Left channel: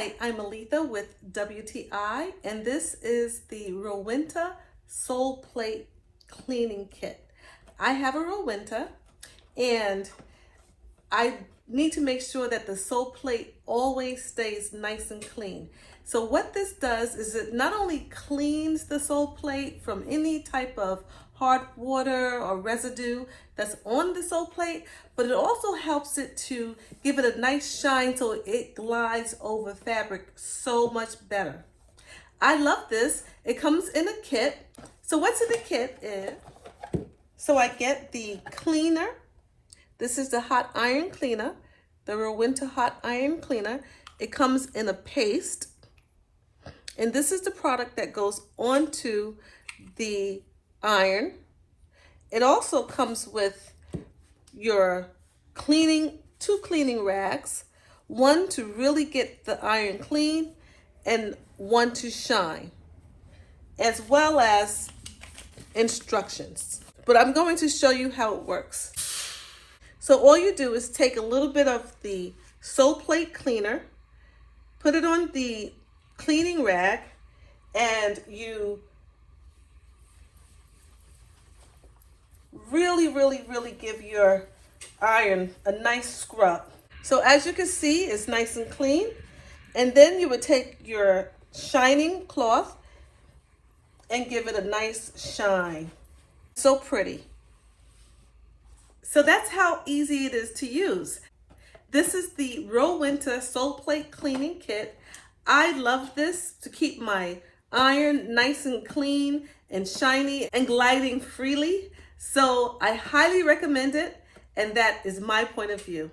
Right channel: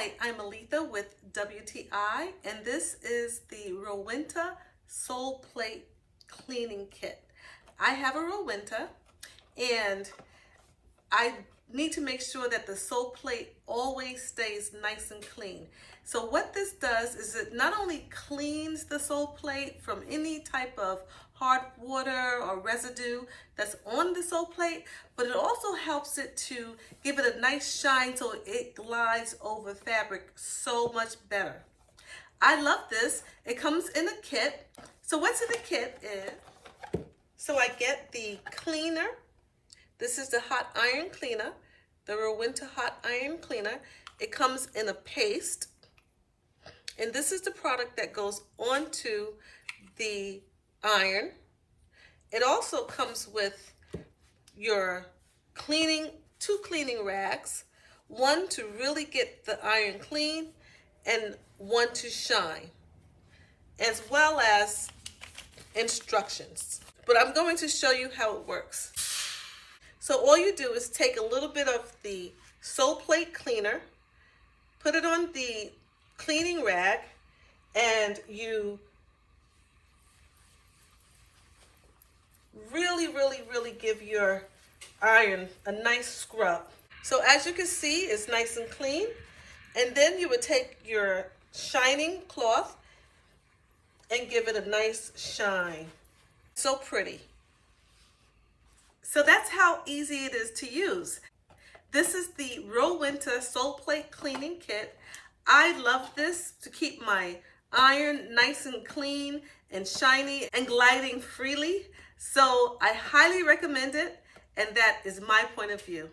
Hi, I'm Aletha with WTI, and this is the Rowenta Soleplate Cleaning Kit. I have a Rowenta, and I need to make sure that the Soleplate always stays nice and clean. So what this does is it not only cleans the Soleplate from any type of hard water or residue that's on the Soleplate, but it also helps it to give it a nice shine so it glides over fabric so much better. I love this. It comes in a kit. So what's in the kit is, so I get the cleaner. This is the hot iron cleaner, the Rowenta hot iron cleaner. It comes in a paste, and this is the product that goes onto the iron. It also comes with your two cleaning rags, one to really get the iron clean and one to shine, as well as instructions. But I'm going to show you how it works. So all you do is take a little bit of the Soleplate cleaner, put it on the cleaning rag, and you really give your iron a nice scrub. So as you can see, it's nice and clean. And then you would take your shining cloth and give it a nice shine. So pretty. So that's how easy it is to use. This is the Rowenta Soleplate Cleaning Kit. I love this to keep my iron nice and clean and shiny and gliding freely. So I highly recommend it, and that is my point of view.